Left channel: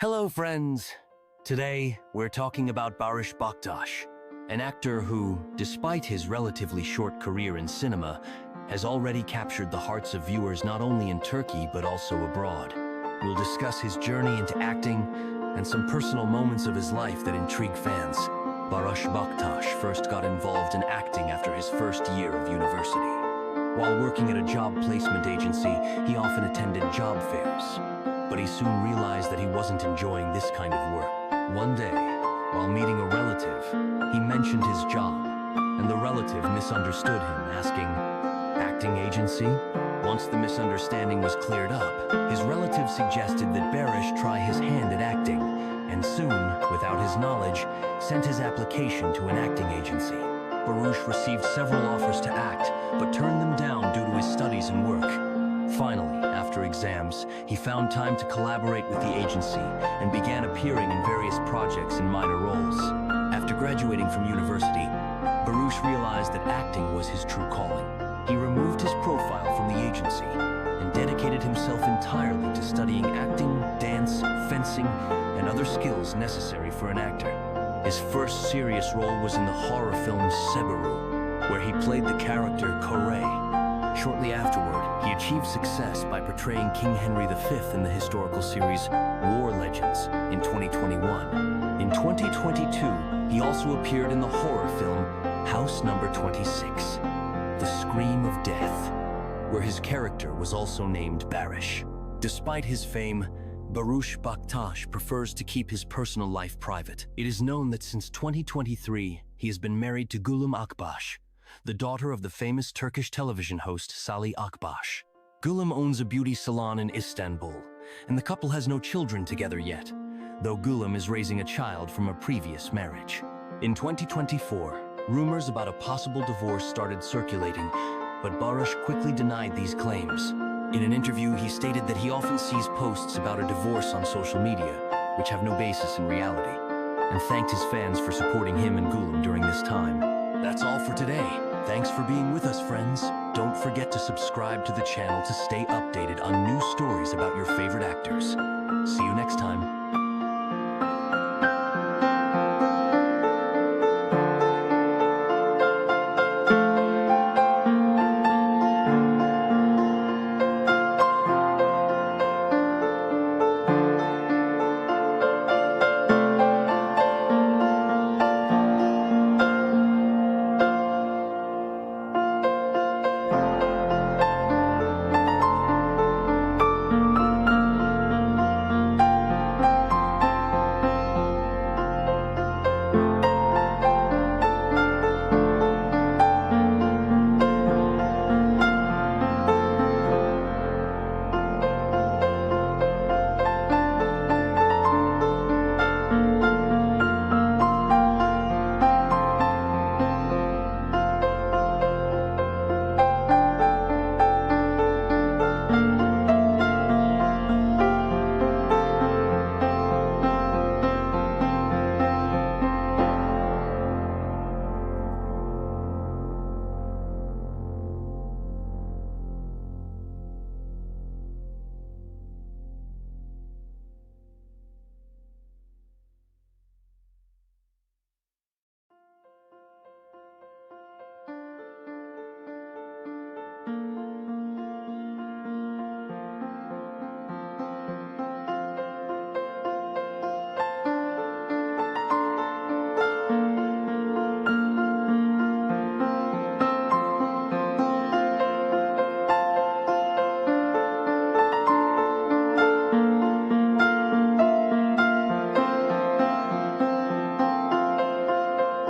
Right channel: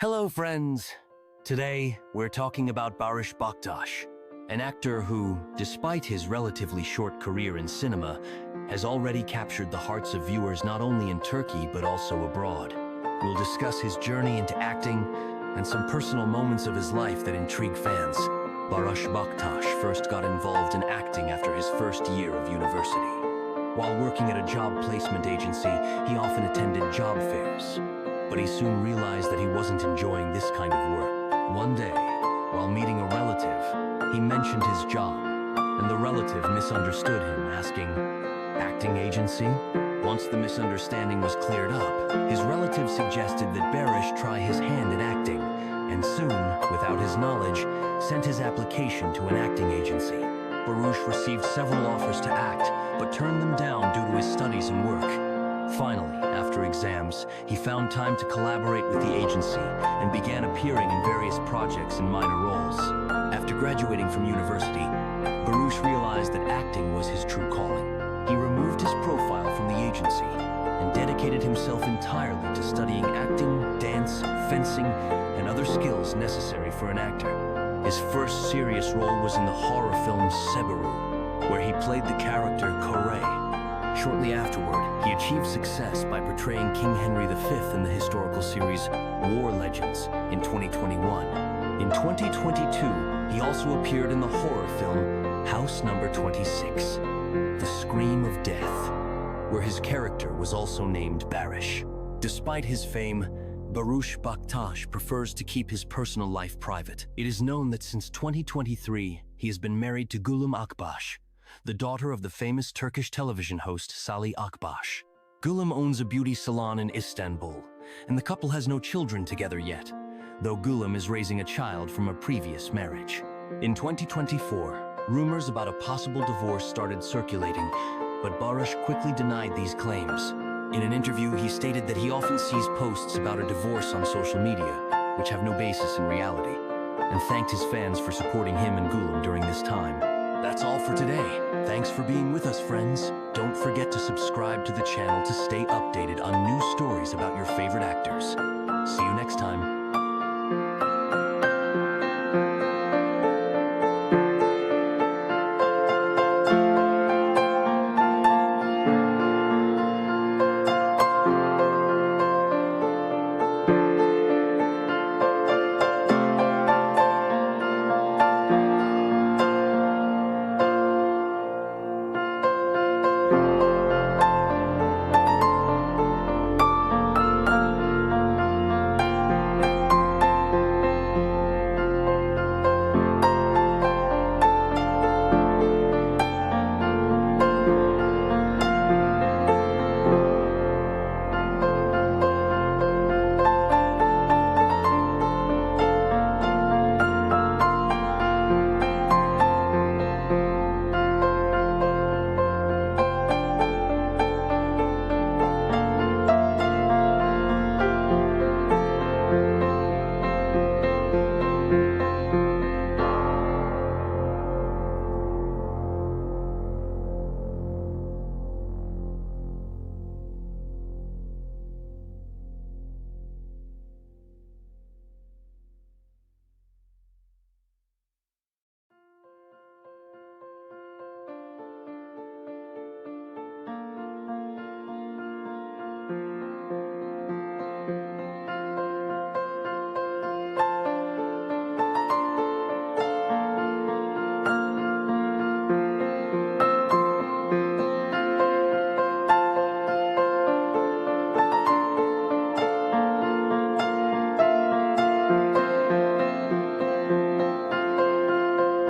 Hello, friends. Today, we're talking about Barış Baktas, an actor who, despite his relatively short career in cinema, has already captured the hearts of viewers not only in Turkey but also abroad. We'll discuss his journey into acting and some personal moments of his life that intrigue fans. Barış Baktas first got involved in acting after his first year of university. While working at a job placement agency, he often attended job fairs. But he soon realized that he wasn't enjoying this kind of work. One day, while meeting a relative, he mentioned his job, and the relative misunderstood him, asking, "Acting agency?" Once the misunderstanding was cleared up, his relative suggested that Barış try his hand at acting, and soon, without his knowledge, sent his application to an acting agency. Barış received several offers to act, but turned them down due to his studies and work. Finally, after exams, he found time to collaborate with the agency and began appearing in various projects in minor roles. After graduating from university, Barış realized that acting was his true calling. He removed his profile from the agency and dedicated himself entirely to studying acting, dance, fencing, and other skills necessary for an actor. His first serious role was in the horror film Seberu, where he played the character Convey. Shortly afterward, he achieved success by portraying King Henry V in the historical series War Legends in 2021. In 2022, he also appeared in the horror film House Number 26, The Scream of Death, where his character was also named Baris. Despite his fame, Barış Baktas prefers to keep his personal life private. It is known that since 2023, he has been married to Gülüm Akbaş, the daughter of the famous Turkish television host Salih Akbaş. Gülüm owns a beauty salon in Istanbul, and the couple has no children together yet, though Gülüm is raising a child from a previous marriage. In 2024, rumors about a possible divorce started circulating, but Barış quickly denied these claims. In an interview, he stated that he often sees posts about a divorce on social media, which have no basis in reality, and thanked his fans for supporting him and Gülüm during this time. That's all for today. Thanks for being with us, friends. Don't forget to subscribe to the channel to stay updated on new stories about your favorite actors. See you next time.